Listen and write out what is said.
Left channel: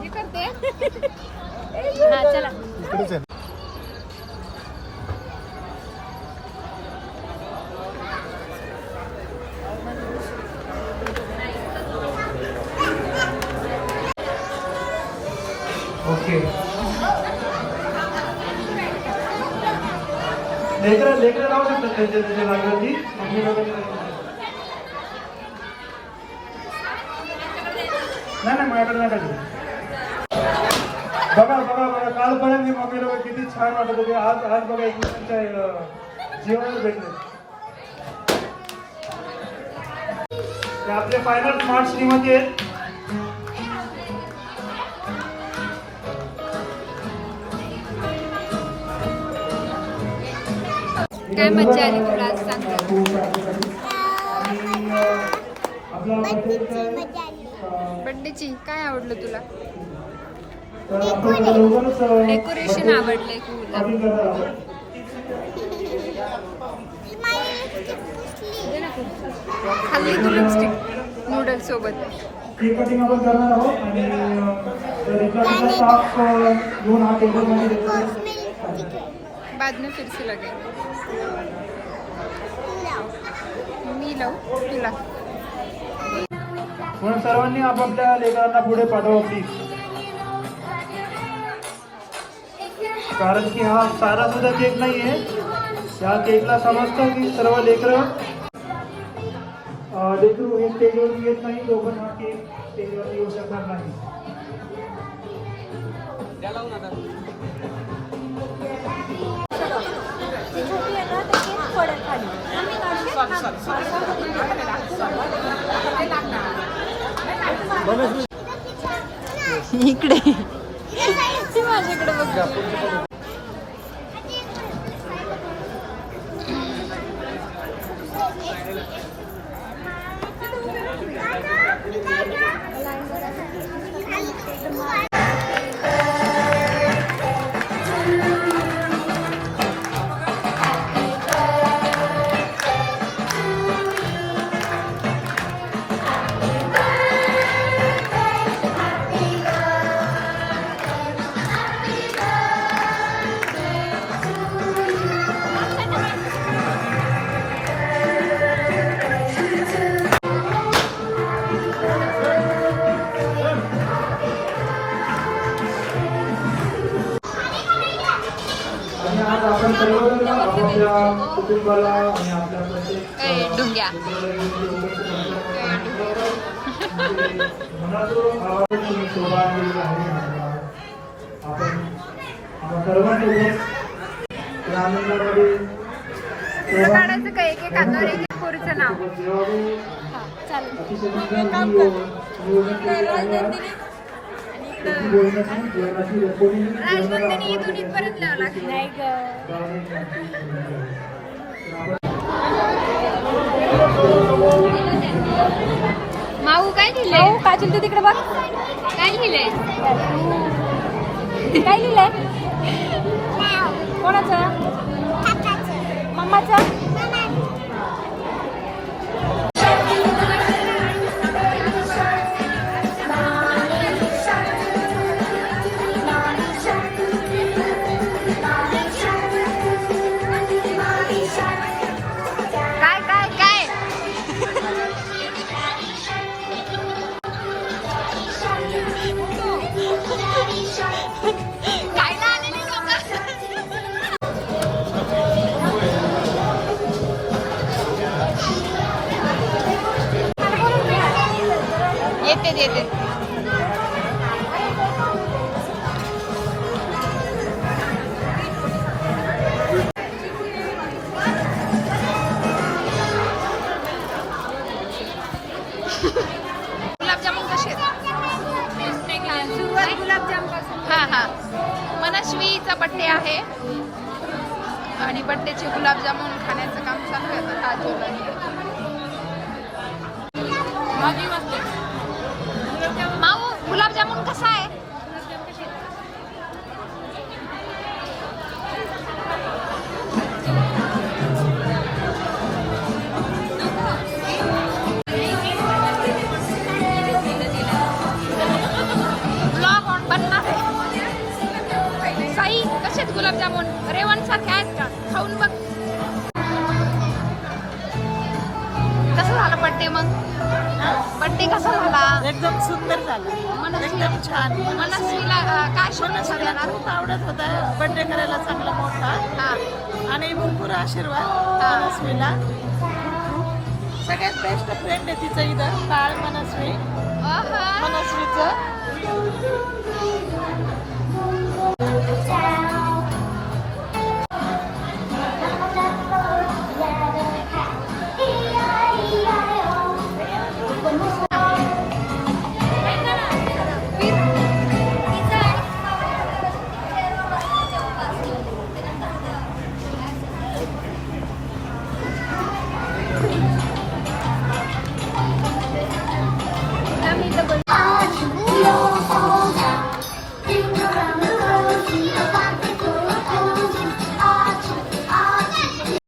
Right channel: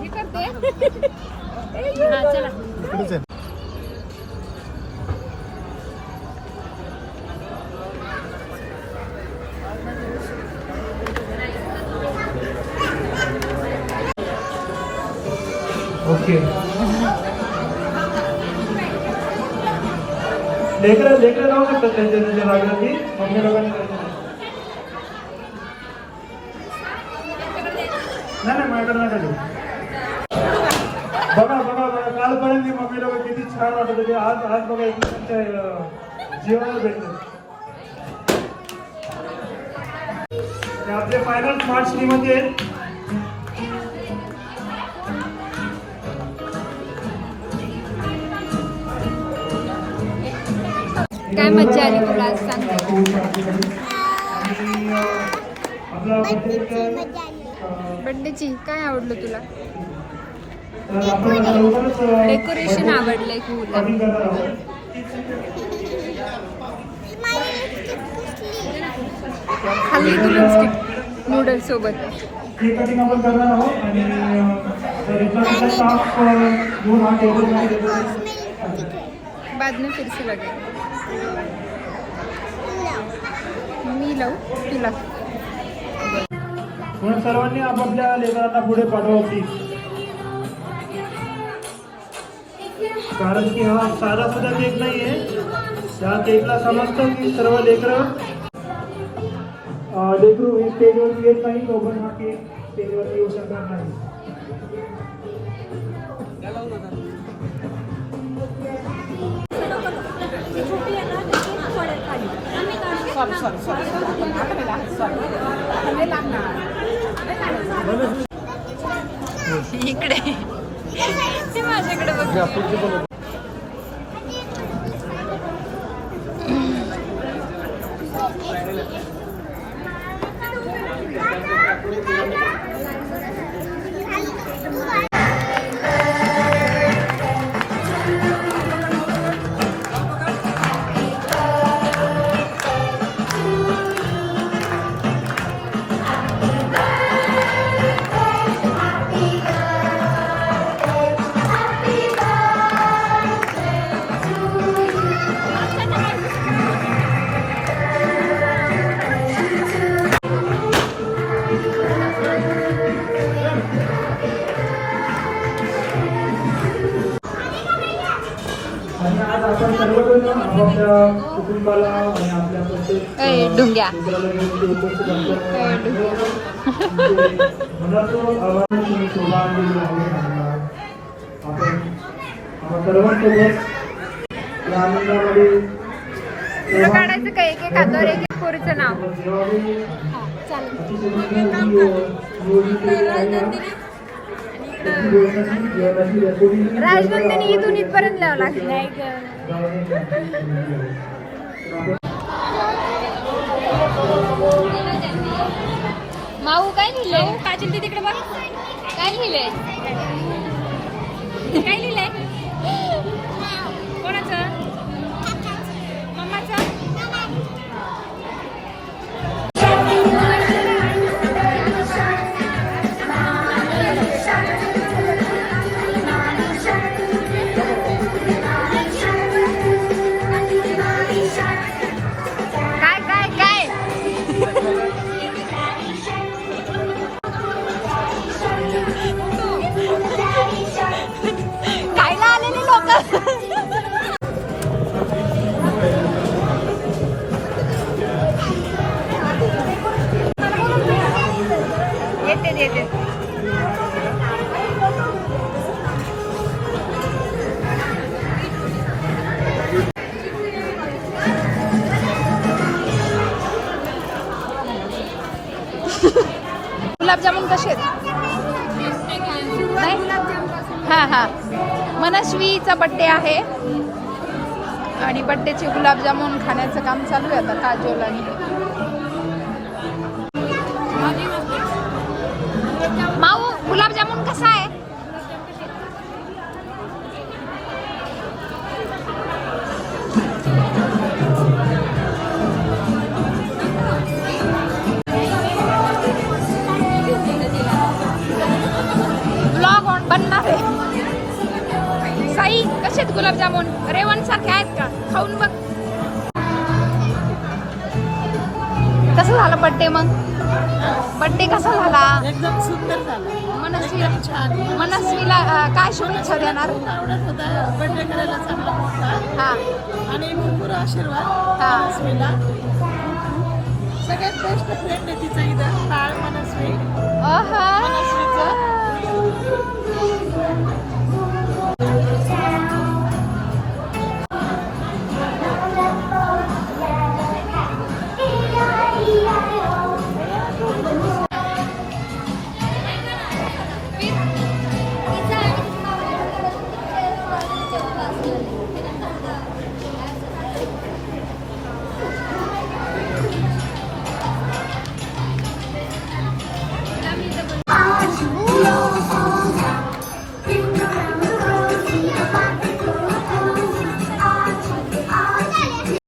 हे करते चला ओके लेकर राहू शकतात त्यांच्या जागेवरती मम्मी लोकांनी नाही माझ्याकडे नाही बघा बघा बघा कालपर्यंत मी मम्मी लोक किती छान वाटत होते आज आज बघा एकमेकांच्या जीवनात भेटलं आपले फायनल स्मार्ट सिटीमध्ये आहेत काय मज्जा आली तुला आज सांग बर्थडेची काय आवडलं तुला डेकोरेशन आवडलंय तुला खाल्ली तू लिपस्टिक नूडल्स सोबत बाद में फिर से लगेंगे मी लावू तुला म्हणून सर्वांनी आपापल्या लेकरांना पुढे पाठवा प्लीज कारण की हा सारा सुद्धा केक नाहीये या केकला समजतं की सर्व लेकरू हे स्टेजवरती येत नाही तो पण हा केक स्टेजवरती येऊ शकणार नाही इकडे माझ्याकडे बघ ढुंग्या तुला काढायचं काय एक एखादं एक पोरीचं नाव राजनंदिनी इथून इथपर्यंत लावं लागेल नाही माऊ काय लिहिलंय माऊ काय लिहिलंय तिकडे बघ काय लिहिलंय काय लिहिलंय कोणाचं मम्माचं गुलाबजामुन कसे हा हा मनस्वीचा बड्डे आहे आणि बड्डेचे गुलाबजामुन खाण्याचं काम चालू आहे आता काजोल आणि माऊ गुलाबजामुन कसा आहे आहेत गुलाबजामुन रेवण सारखे आहेत का खाऊन बघ कसं झालं बड्डे मग बड्डे कसा झाला एकदम सुंदर झाला एकदम छान मनस्वीला काय शुभेच्छा देणार खूप आवडत होता बर्थडे करायला चांगला मोठा हा आणि भरपूर आशीर्वाद हा. मनस्वीला सगळ्यात बेस्ट फ्रेंड आहे तिचं इथं